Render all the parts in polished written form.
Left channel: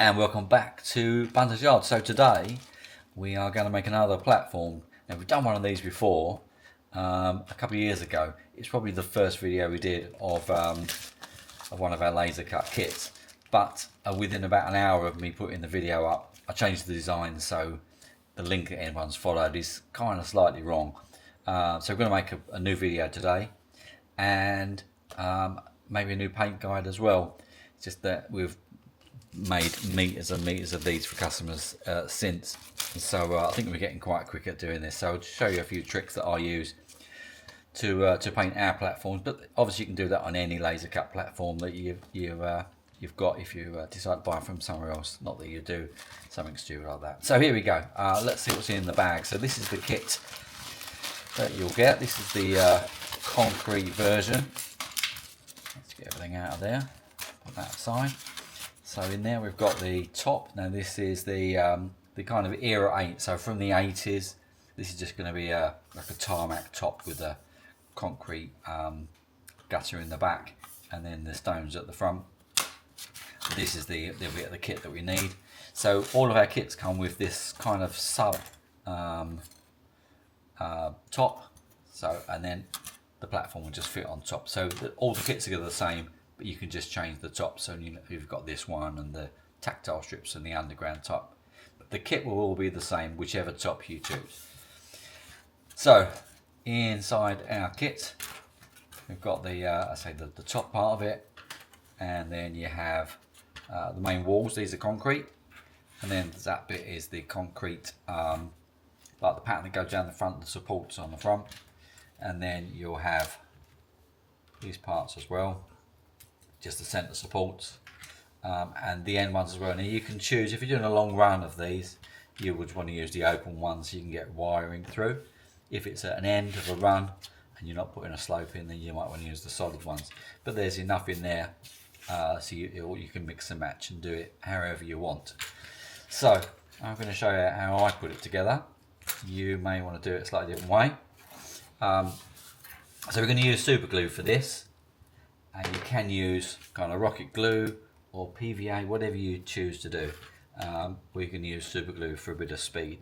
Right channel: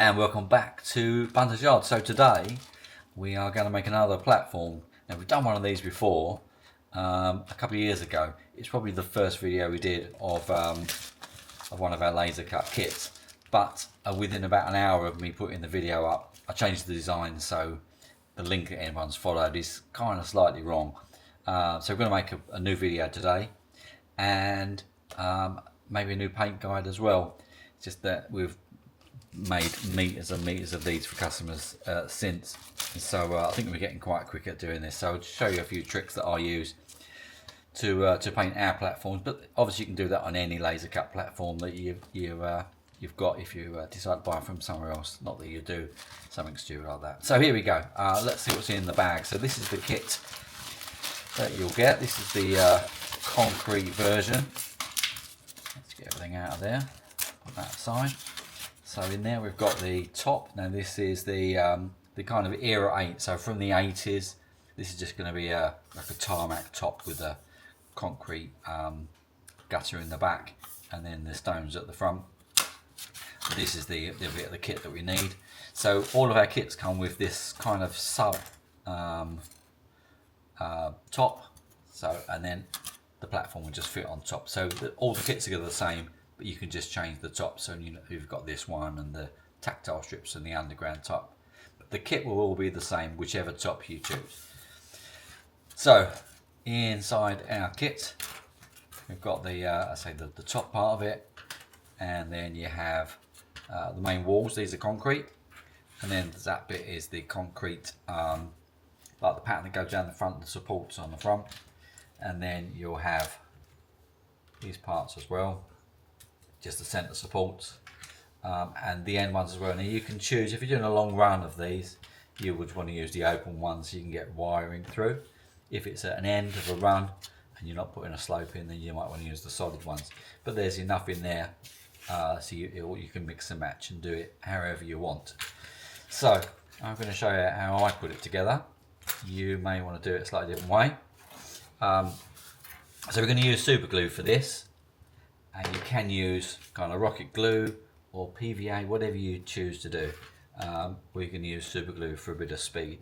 And welcome back to Bunters Yard. So today we are going to make another platform. Now we've done one of these before a couple of years ago. It's probably the first video we did of one of our laser cut kits, but within about an hour of me putting the video up, I changed the design, so the link that everyone's followed is kind of slightly wrong. So we're going to make a new video today, and maybe a new paint guide as well. It's just that we've made meters and meters of these for customers since, so I think we're getting quite quick at doing this. So I'll show you a few tricks that I use to paint our platforms, but obviously you can do that on any laser cut platform that you've got if you decide to buy from somewhere else. Not that you do something stupid like that. So here we go. Let's see what's in the bag. So this is the kit that you'll get. This is the concrete version. Let's get everything out of there. Put that aside. So in there we've got the top. Now this is the kind of era 8. So from the 80s, this is just going to be like a tarmac top with a concrete gutter in the back, and then the stones at the front. This is the bit of the kit that we need. So all of our kits come with this kind of sub top. So, and then the platform will just fit on top. So all the kits are the same, but you can just change the top. So you've got this one and the tactile strips and the underground top. But the kit will all be the same, whichever top you choose. So inside our kit, we've got the the top part of it, and then you have the main walls. These are concrete, and then that bit is the concrete, like the pattern that goes down the front, the supports on the front, and then you'll have these parts as well, just the center supports, and the end ones as well. Now you can choose, if you're doing a long run of these, you would want to use the open ones so you can get wiring through. If it's at an end of a run and you're not putting a slope in, then you might want to use the solid ones. But there's enough in there, so you can mix and match and do it however you want. So I'm going to show you how I put it together. You may want to do it a slightly different way. So we're going to use super glue for this, and you can use kind of rocket glue or PVA, whatever you choose to do. We can use super glue for a bit of speed.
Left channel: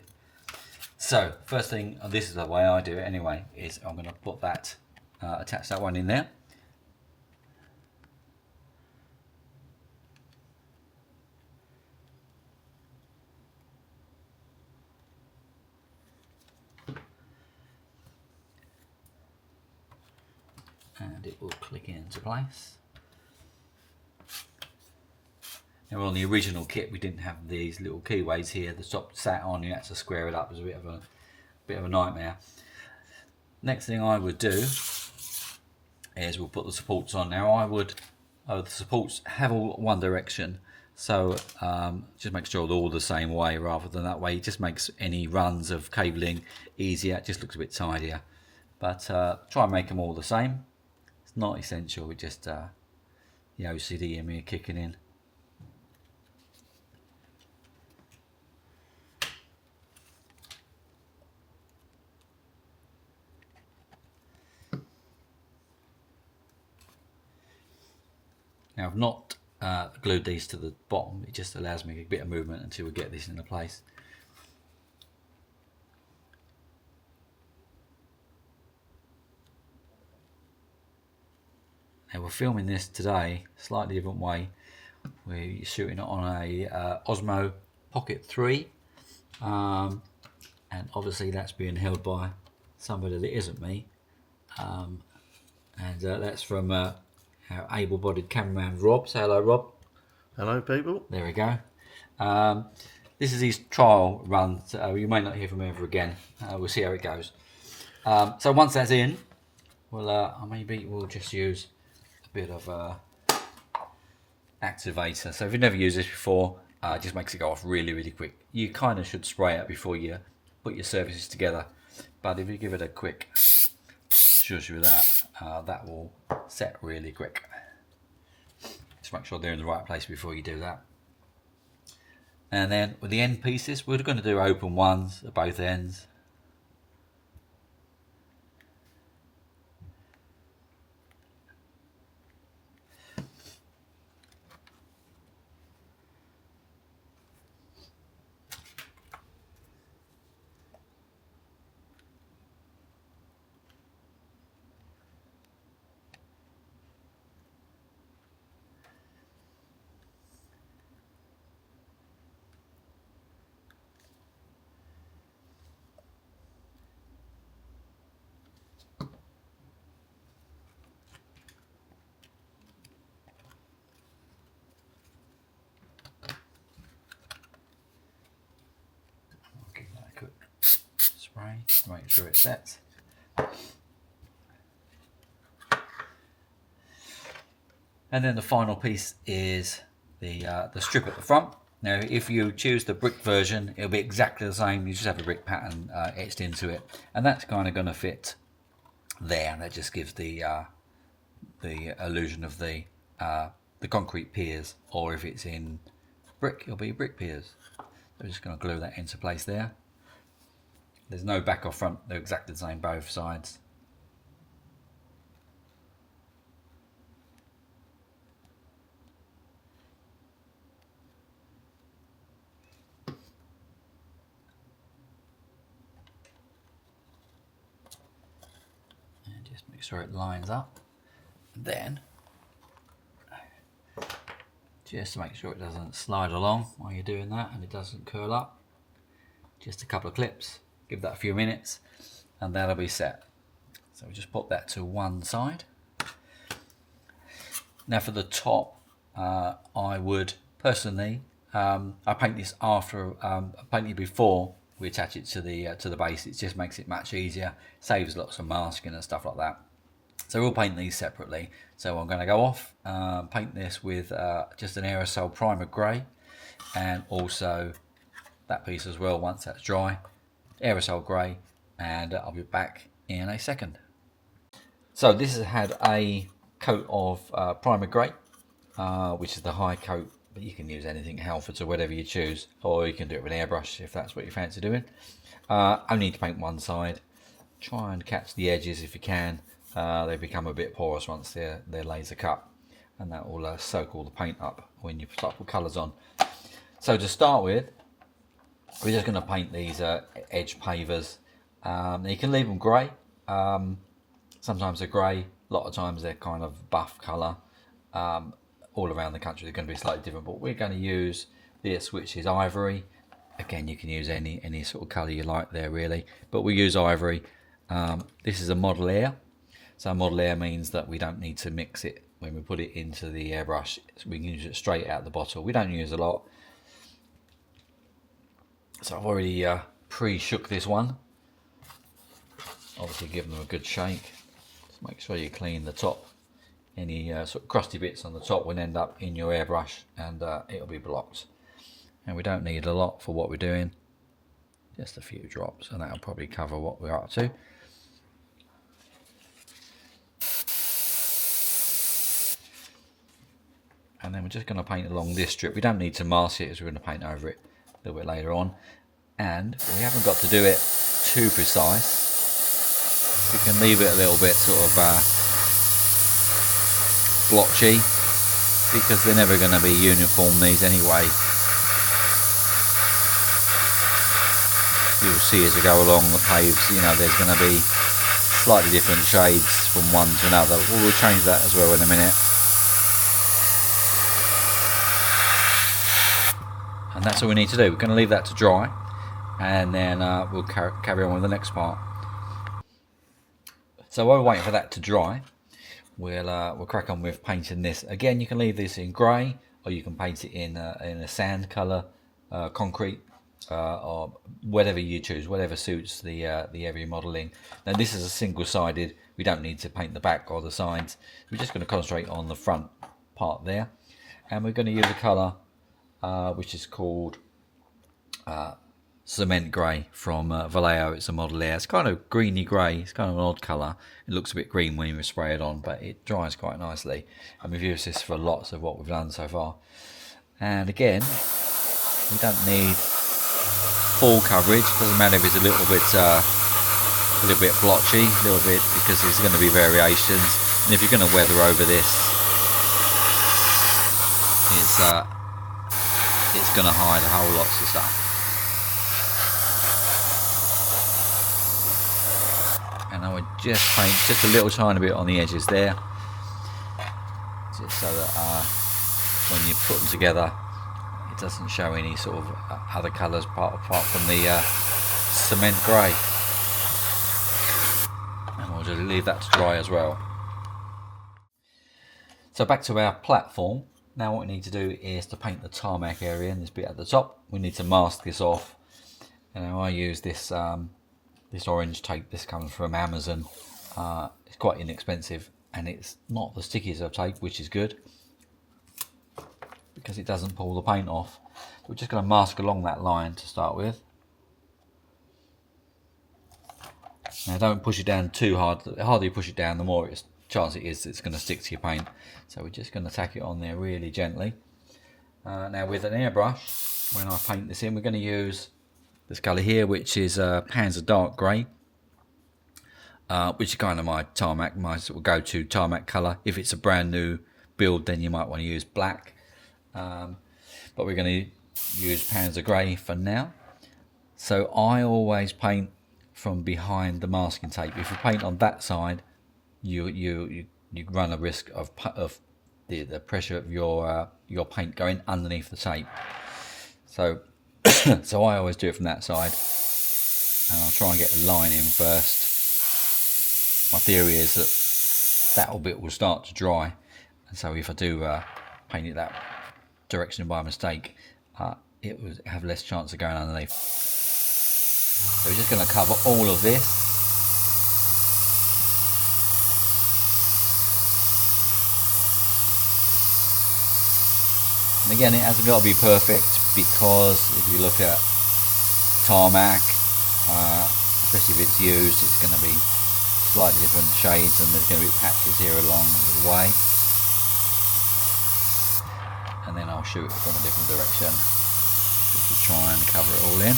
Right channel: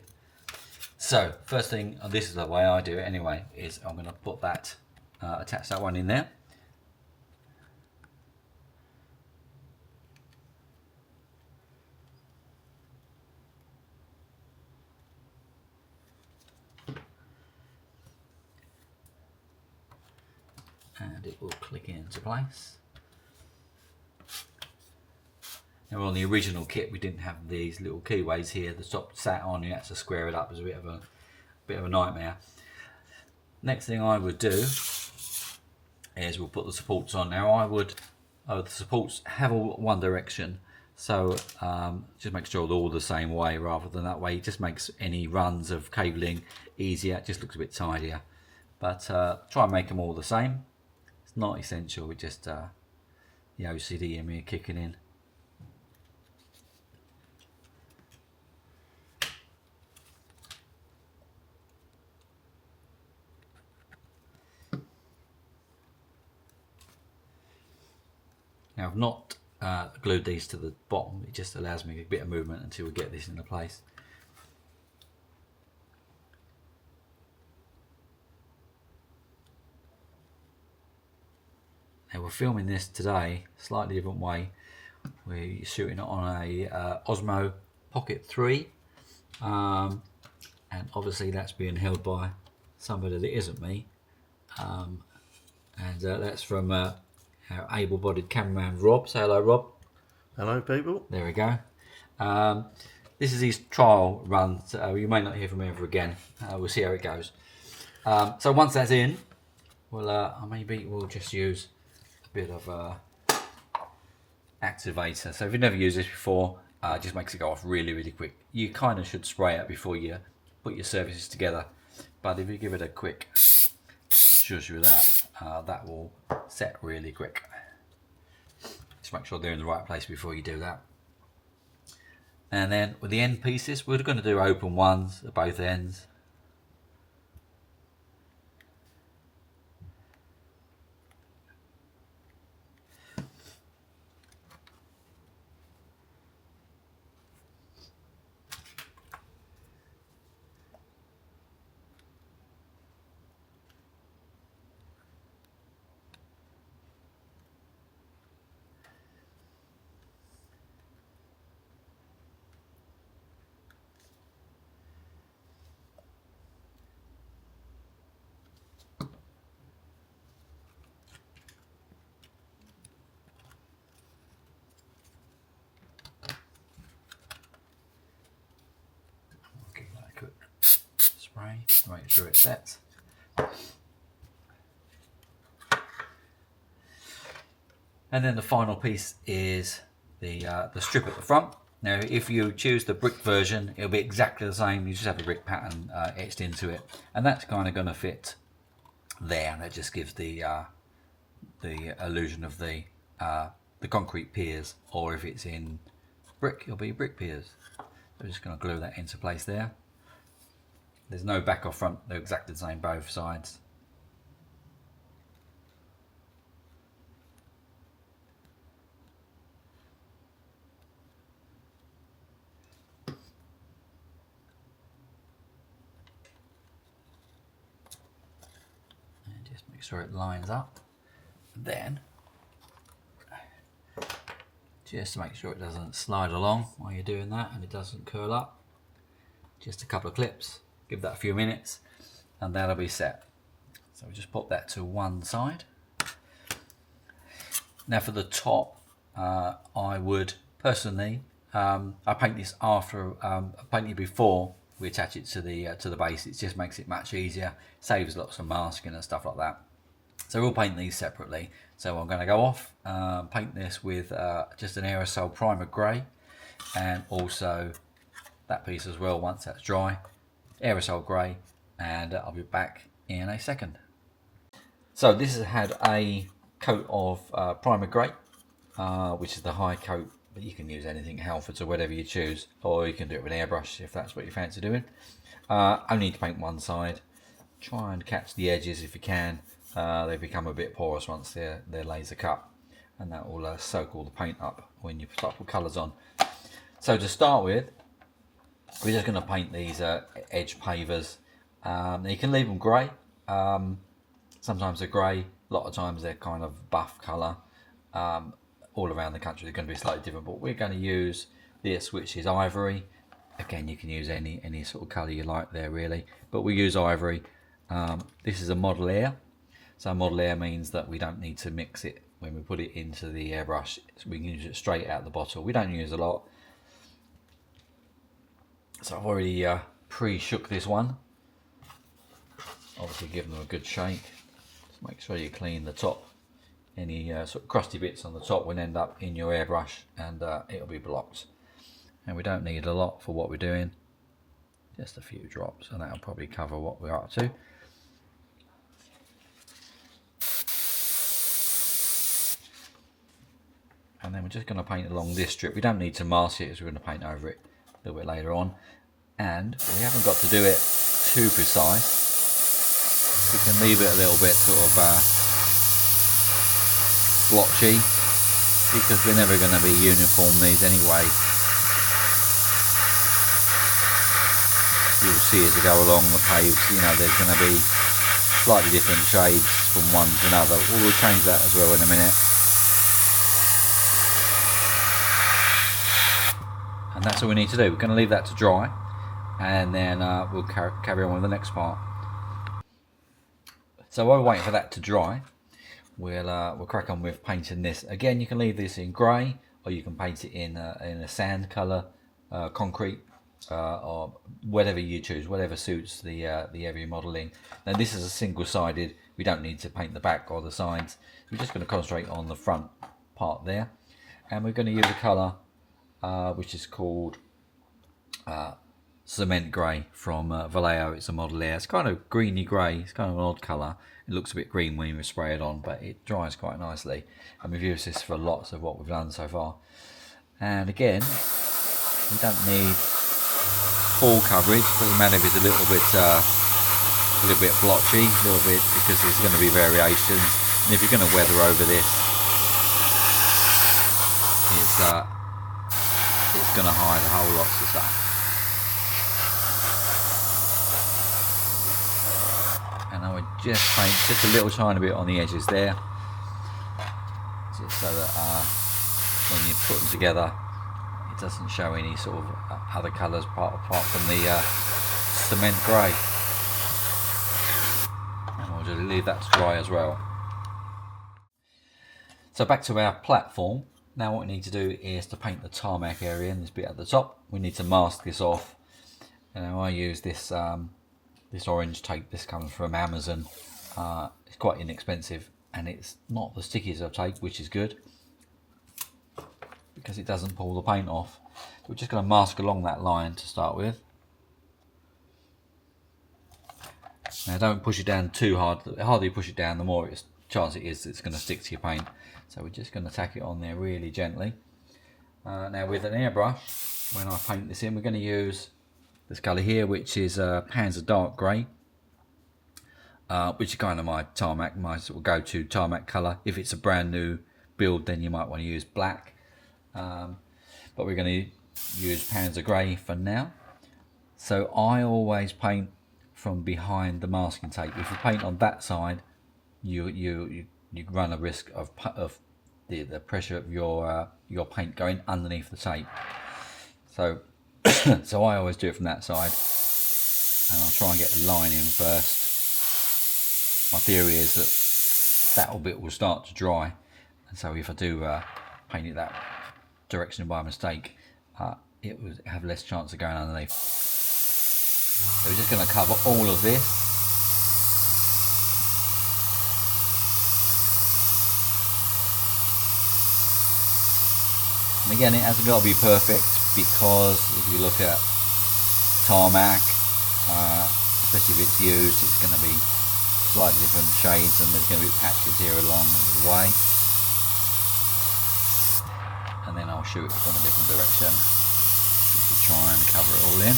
So first thing, and this is the way I do it anyway, is I'm going to put that, attach that one in there. And it will click into place. Now on the original kit we didn't have these little keyways here. The top sat on, you had to square it up. It was a bit of a nightmare. Next thing I would do is we'll put the supports on. Now the supports have all one direction, so just make sure they're all the same way rather than that way. It just makes any runs of cabling easier. It just looks a bit tidier. But try and make them all the same. It's not essential. It just the OCD in me kicking in. Now I've not glued these to the bottom. It just allows me a bit of movement until we get this into place. Now we're filming this today slightly different way. We're shooting it on a Osmo Pocket 3, and obviously that's being held by somebody that isn't me, and that's from our able-bodied cameraman Rob. Say hello, Rob. Hello people. There we go. This is his trial run. So you may not hear from him ever again. We'll see how it goes. So once that's in, maybe we'll just use a bit of activator. So if you've never used this before, it just makes it go off really, really quick. You kind of should spray it before you put your surfaces together, but if you give it a quick shush with that, that will set really quick. Just make sure they're in the right place before you do that. And then with the end pieces, we're going to do open ones at both ends. make sure it sets. And then the final piece is the strip at the front. Now if you choose the brick version, it'll be exactly the same, you just have a brick pattern etched into it, and that's kind of going to fit there, and that just gives the illusion of the concrete piers, or if it's in brick, it'll be brick piers. So we're just going to glue that into place there. There's no back or front, they're exactly the same both sides. And just make sure it lines up. Then, just to make sure it doesn't slide along while you're doing that and it doesn't curl up, just a couple of clips, give that a few minutes and that'll be set. So we just put that to one side. Now for the top, I would personally, I paint this after, I paint it before we attach it to the base. It just makes it much easier, saves lots of masking and stuff like that. So we'll paint these separately. So I'm going to go off, paint this with just an aerosol primer grey, and also that piece as well once that's dry, aerosol grey, and I'll be back in a second. So this has had a coat of primer grey, which is the high coat, but you can use anything, Halfords or whatever you choose, or you can do it with an airbrush if that's what you fancy doing. Only need to paint one side. Try and catch the edges if you can. They become a bit porous once they're laser cut, and that will soak all the paint up when you start to put colours on. So to start with, we're just going to paint these edge pavers. You can leave them grey. Sometimes they're grey, a lot of times they're kind of buff colour. All around the country they're going to be slightly different, but we're going to use this, which is ivory. Again, you can use any sort of colour you like there really, but we use ivory. This is a model air. So model air means that we don't need to mix it when we put it into the airbrush. We can use it straight out the bottle. We don't use a lot. So I've already pre-shook this one. Obviously give them a good shake. Just make sure you clean the top. Any sort of crusty bits on the top will end up in your airbrush, and it'll be blocked. And we don't need a lot for what we're doing. Just a few drops, and that'll probably cover what we're up to. And then we're just going to paint along this strip. We don't need to mask it, as we're going to paint over it a little bit later on. And we haven't got to do it too precise. We can leave it a little bit sort of blotchy, because they're never going to be uniform, these anyway. You'll see as we go along the paves, you know, there's going to be slightly different shades from one to another. We'll change that as well in a minute. And that's all we need to do. We're going to leave that to dry, and then we'll carry on with the next part. So while we're waiting for that to dry, we'll crack on with painting this. Again, you can leave this in grey, or you can paint it in a sand colour, concrete, or whatever you choose, whatever suits the heavy modelling. Now this is a single-sided. We don't need to paint the back or the sides. We're just going to concentrate on the front part there, and we're going to use a colour which is called cement grey from Vallejo. It's a model air. It's kind of greeny grey. It's kind of an odd colour. It looks a bit green when you spray it on, but it dries quite nicely. And we've used this for lots of what we've done so far. And again, we don't need full coverage. Doesn't matter if it's a little bit blotchy, a little bit, because there's going to be variations. And if you're going to weather over this, it's going to hide a whole lot of stuff. And I would just paint just a little tiny bit on the edges there, just so that when you put them together, it doesn't show any sort of other colours apart from the cement grey. And we'll just leave that to dry as well. So back to our platform. Now what we need to do is to paint the tarmac area in this bit at the top. We need to mask this off. And I use this this orange tape. This comes from Amazon. It's quite inexpensive, and it's not the stickiest of tape, which is good because it doesn't pull the paint off. We're just going to mask along that line to start with. Now don't push it down too hard. The harder you push it down, the more chance it is it's going to stick to your paint. So we're just going to tack it on there really gently. Now with an airbrush, when I paint this in, we're going to use this colour here, which is Panzer Dark Grey, which is kind of my sort of go-to tarmac colour. If it's a brand new build, then you might want to use black. But we're going to use Panzer Grey for now. So I always paint from behind the masking tape. If you paint on that side, you run a risk of the pressure of your paint going underneath the tape. So so I always do it from that side, and I'll try and get the line in first. My theory is that bit will start to dry, and so if I do paint it that direction by mistake, it will have less chance of going underneath. So we're just going to cover all of this. And again, it hasn't got to be perfect, because if you look at tarmac, especially if it's used, it's going to be slightly different shades, and there's going to be patches here along the way. And then I'll shoot it from a different direction just to try and cover it all in.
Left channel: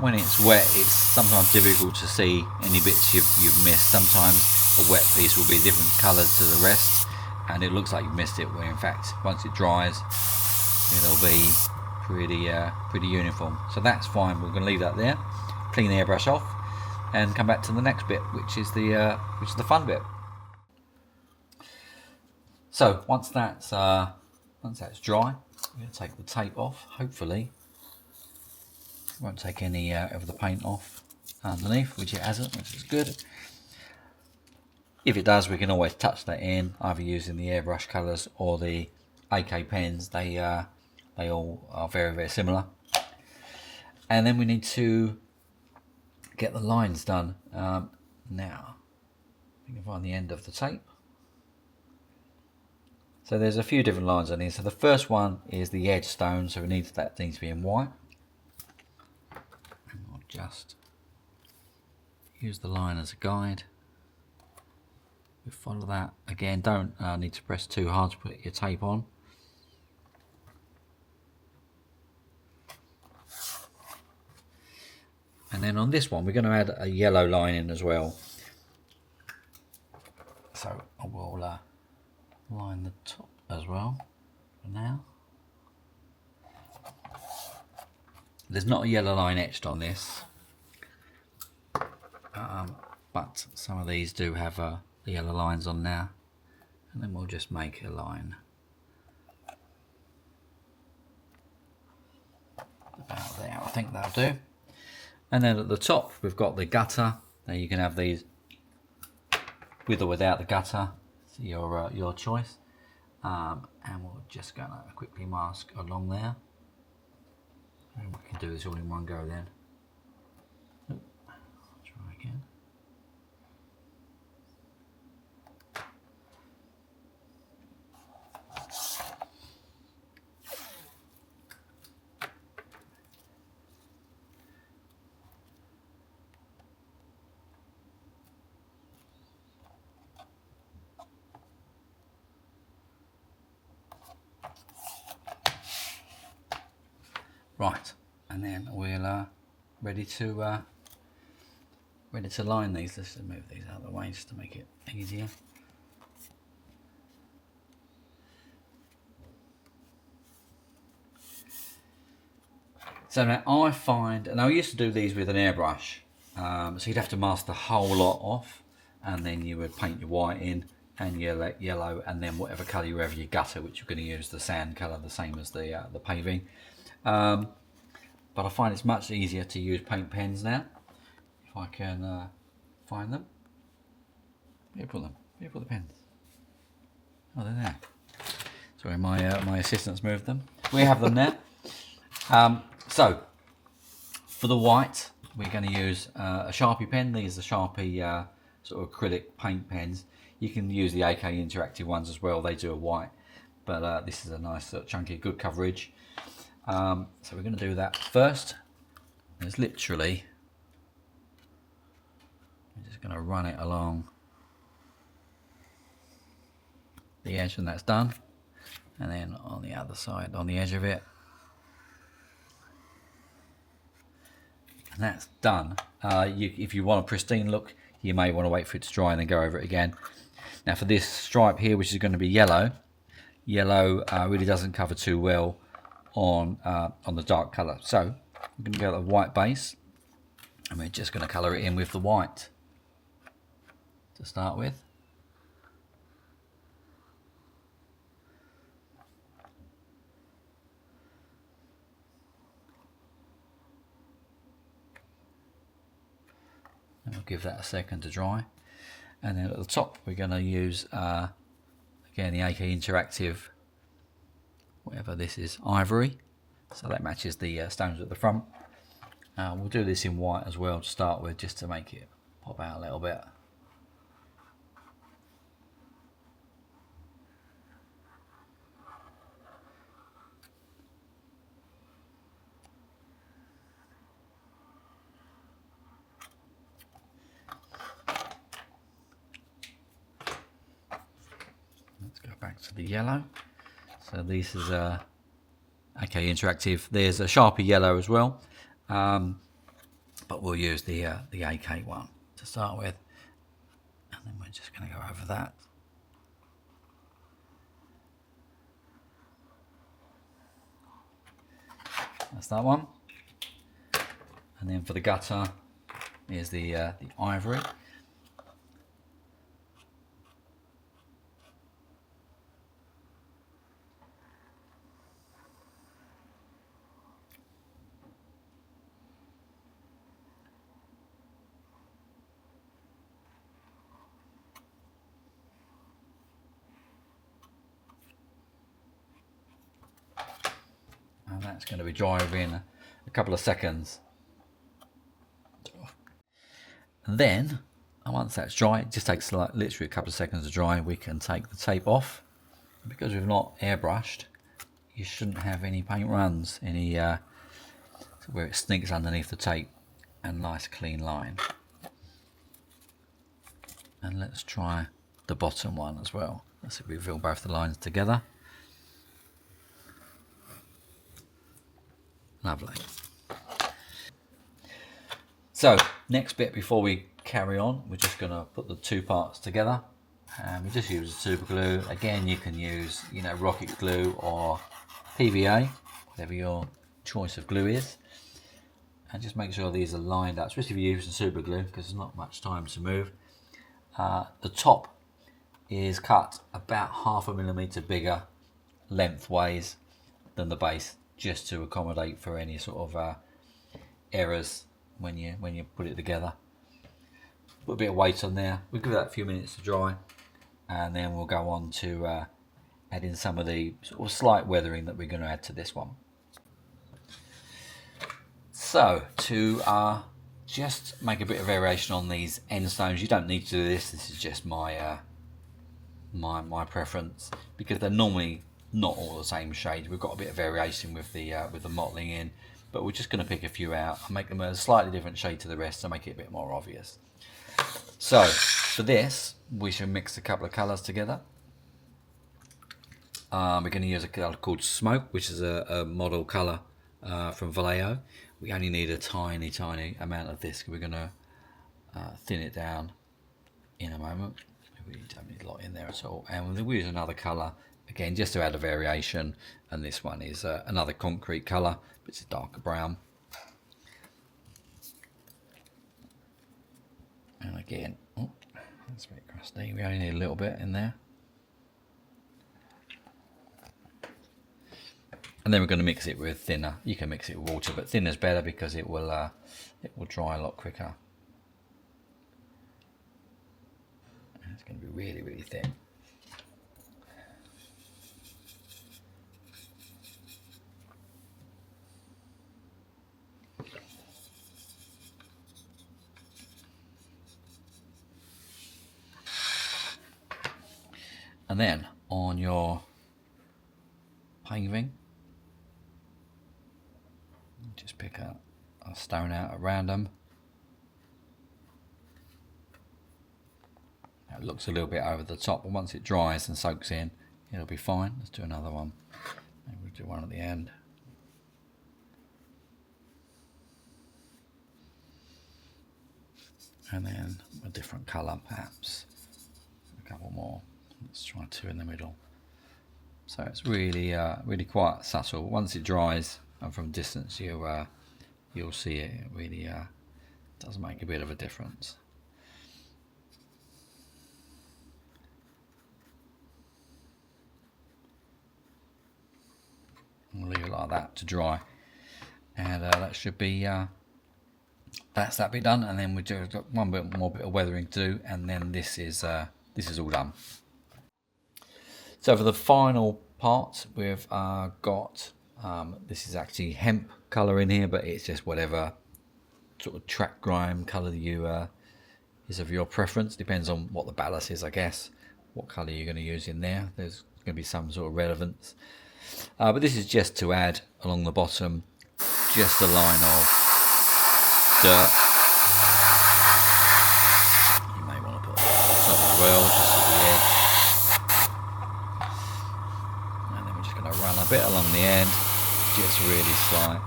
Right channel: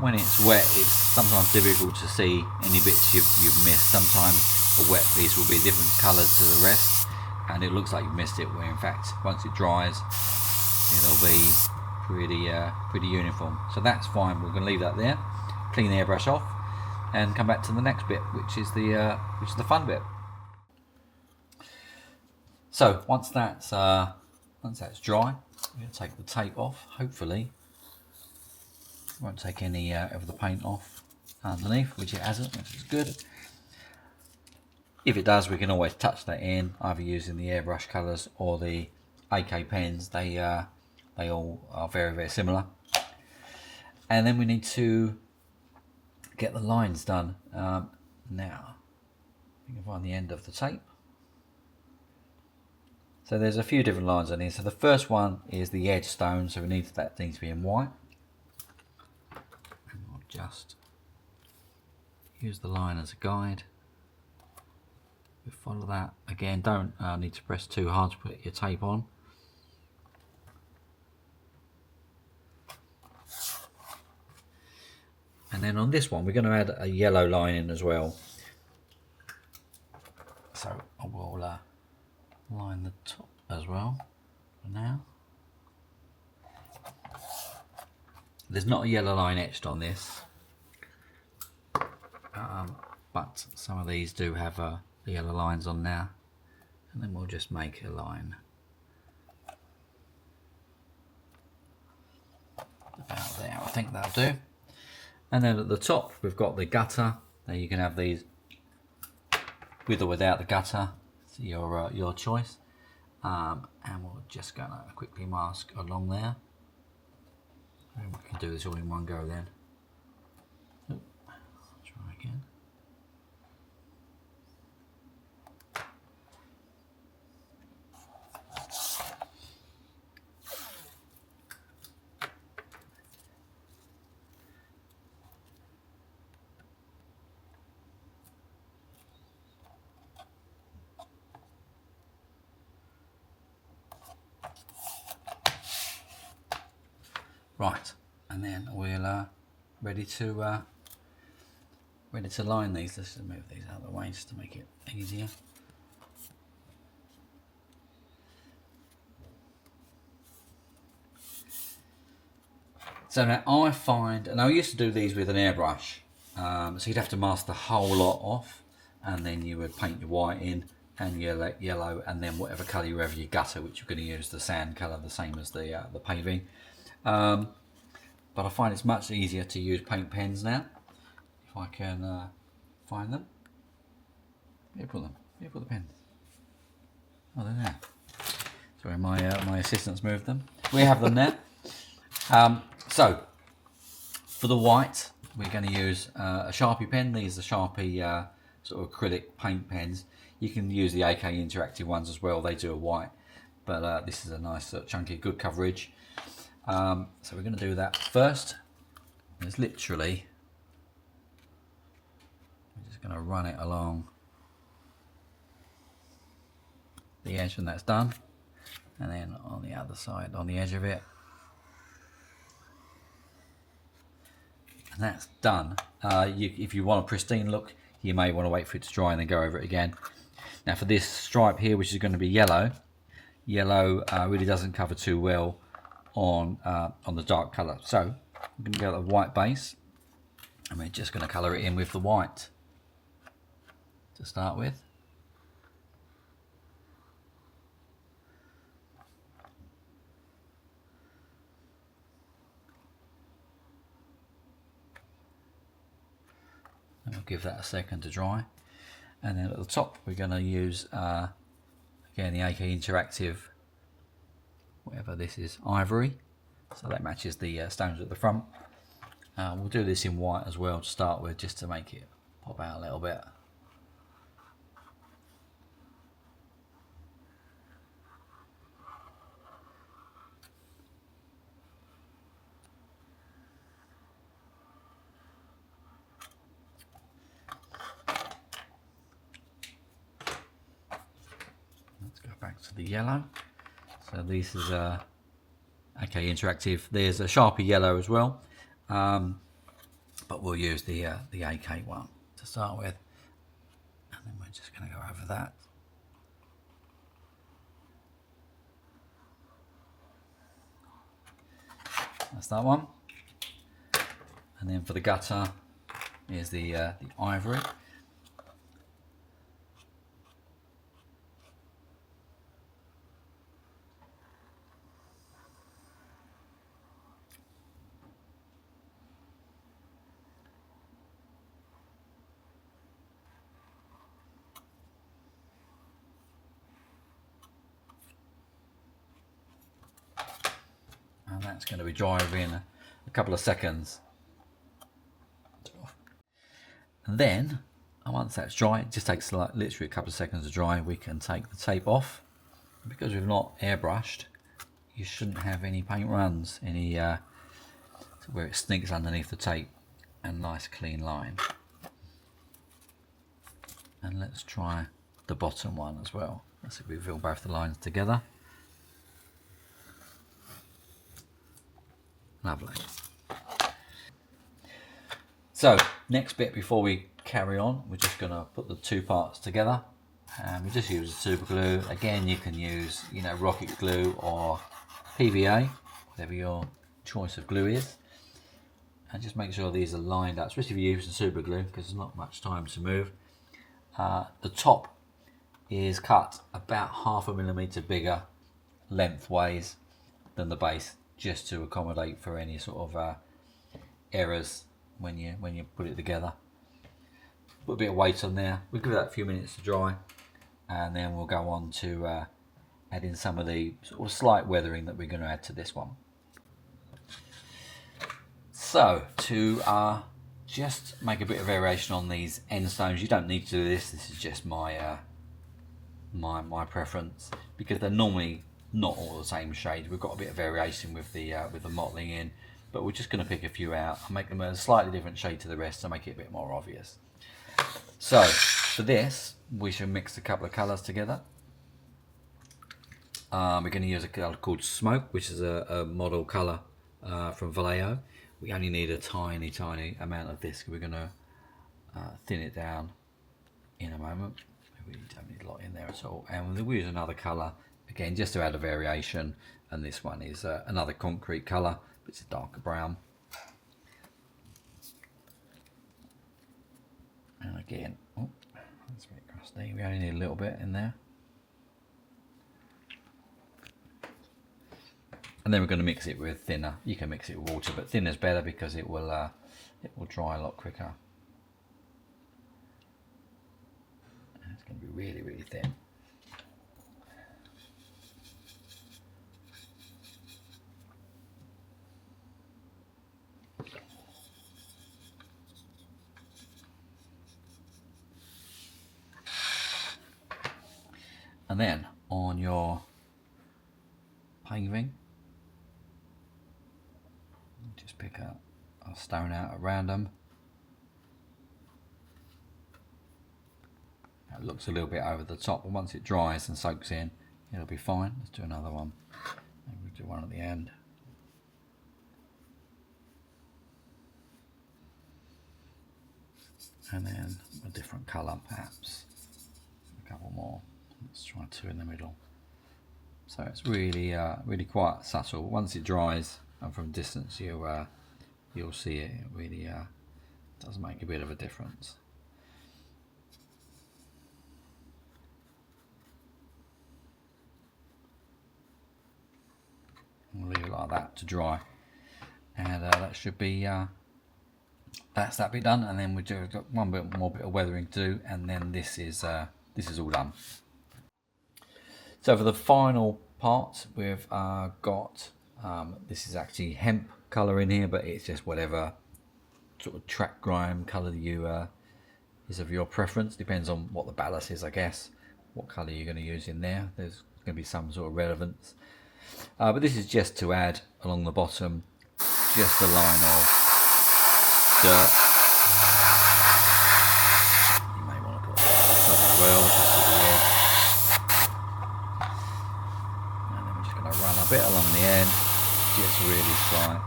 When it's wet, it's sometimes difficult to see any bits you've missed. Sometimes a wet piece will be a different colour to the rest, and it looks like you've missed it, where in fact once it dries it'll be pretty uniform. So that's fine. We're going to leave that there, clean the airbrush off, and come back to the next bit, which is the fun bit. So once that's dry, we're going to take the tape off. Hopefully it won't take any of the paint off underneath, which it hasn't, which is good. If it does, we can always touch that in, either using the airbrush colours or the AK pens. They all are very, very similar. And then we need to get the lines done. Now, you can find the end of the tape. So there's a few different lines on here. So the first one is the edge stone, so that needs to be in white. And I'll just use the line as a guide. We follow that. Again, don't need to press too hard to put your tape on. And then on this one, we're going to add a yellow line in as well. So I will line the top as well for now. There's not a yellow line etched on this, but some of these do have the yellow lines on now. And then we'll just make a line about there. I think that'll do. And then at the top, we've got the gutter. Now you can have these with or without the gutter. It's your choice. And we're just going to quickly mask along there. And we can do this all in one go then. Oop, try again. Right, and then we'll ready to line these. Let's just move these out of the way just to make it easier. So now I find, and I used to do these with an airbrush, so you'd have to mask the whole lot off, and then you would paint your white in and yellow, and then whatever colour you have your gutter, which you're going to use the sand colour, the same as the paving. But I find it's much easier to use paint pens now, if I can find them. Where put them? Where put the pens? Oh, they're there. Sorry, my assistants moved them. We have them now. So for the white, we're going to use a Sharpie pen. These are Sharpie sort of acrylic paint pens. You can use the AK Interactive ones as well. They do a white, but this is a nice chunky, good coverage. So we're going to do that first. It's literally, I'm just going to run it along the edge when that's done, and then on the other side, on the edge of it. And that's done. If you want a pristine look, you may want to wait for it to dry and then go over it again. Now for this stripe here, which is going to be yellow, really doesn't cover too well on the dark colour. So I'm going to go with the white base, and we're just going to colour it in with the white to start with. And we'll give that a second to dry. And then at the top we're going to use again the AK Interactive, whatever this is, ivory, so that matches the stones at the front. We'll do this in white as well to start with, just to make it pop out a little bit. Let's go back to the yellow. So this is AK Interactive. There's a Sharpie yellow as well, but we'll use the AK one to start with, and then we're just going to go over that. That's that one. And then for the gutter, here's the ivory. And that's going to be dry in a couple of seconds. And then, once that's dry, it just takes literally a couple of seconds to dry. We can take the tape off. Because we've not airbrushed, you shouldn't have any paint runs, any where it sneaks underneath the tape. A nice clean line. And let's try the bottom one as well. Let's see if we fill both the lines together. Lovely. So next bit before we carry on, we're just going to put the two parts together, and we just use a super glue. Again, you can use, rocket glue or PVA, whatever your choice of glue is, and just make sure these are lined up, especially if you're using super glue, because there's not much time to move. The top is cut about 0.5 millimeter bigger lengthways than the base, just to accommodate for any sort of errors when you put it together. Put a bit of weight on there. We'll give that a few minutes to dry, and then we'll go on to add in some of the sort of slight weathering that we're going to add to this one. So to just make a bit of variation on these end stones, you don't need to do this. This is just my my preference, because they're normally not all the same shade. We've got a bit of variation with the mottling in, but we're just going to pick a few out and make them a slightly different shade to the rest to make it a bit more obvious. So for this, we should mix a couple of colours together. We're going to use a colour called Smoke, which is a model colour from Vallejo. We only need a tiny amount of this. We're going to thin it down in a moment. We don't need a lot in there at all. And we'll use another colour, again, just to add a variation. And this one is another concrete colour, but it's a darker brown. And again, oh, that's a bit crusty. We only need a little bit in there. And then we're going to mix it with thinner. You can mix it with water, but thinner is better because it will dry a lot quicker. And it's going to be really thin. And then on your paving, just pick a stone out at random. It looks a little bit over the top, but once it dries and soaks in, it'll be fine. Let's do another one. Maybe we'll do one at the end. And then a different colour, perhaps. A couple more. Let's try 2 in the middle. So it's really, really quite subtle. Once it dries, and from distance, you'll see it. It really does make a bit of a difference. I'll leave it like that to dry, and that should be. That's that bit done, and then we do one more bit of weathering to do, and then this is all done. So for the final part, we've got this is actually hemp colour in here, but it's just whatever sort of track grime colour you is of your preference. Depends on what the ballast is, I guess. What colour you're going to use in there. There's going to be some sort of relevance, but this is just to add along the bottom, just a line of dirt. You may want to put that as well, just at the edge. And then we're just going to run a bit along the end, just really slight,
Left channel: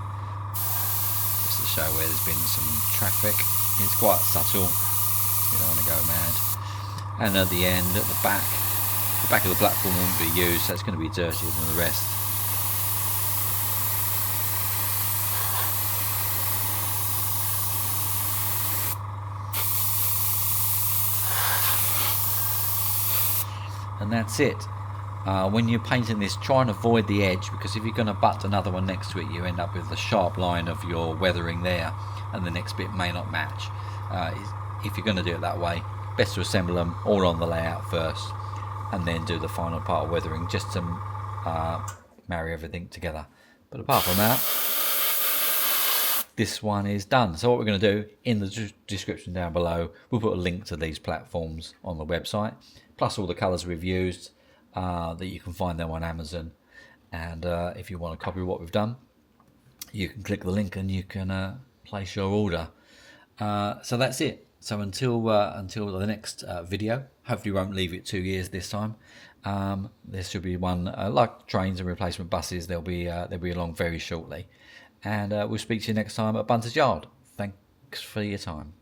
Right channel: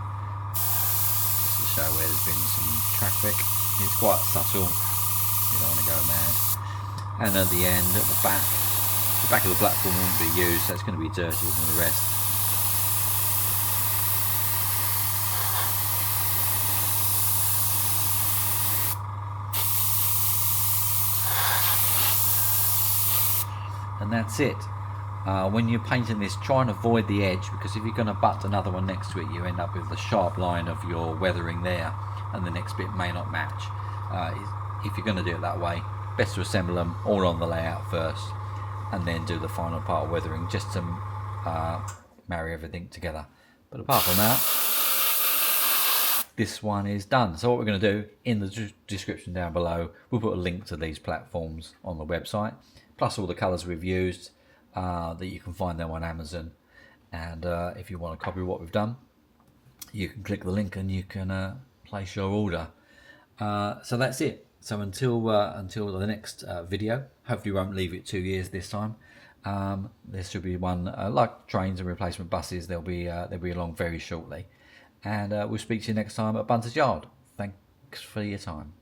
just to show where there's been some traffic. It's quite subtle, you don't want to go mad. And at the end, at the back of the platform won't be used, so it's going to be dirtier than the rest. And that's it. When you're painting this, try and avoid the edge, because if you're going to butt another one next to it, you end up with the sharp line of your weathering there, and the next bit may not match. If you're going to do it that way, best to assemble them all on the layout first, and then do the final part of weathering, just to marry everything together. But apart from that, this one is done. So what we're going to do, in the description down below, we'll put a link to these platforms on the website, plus all the colours we've used, that you can find them on Amazon. And if you want a copy of what we've done, you can click the link and you can place your order. So that's it. So until the next video, hopefully we won't leave it 2 years this time. There should be one, like trains and replacement buses, they'll be along very shortly. And we'll speak to you next time at Bunters Yard. Thanks for your time.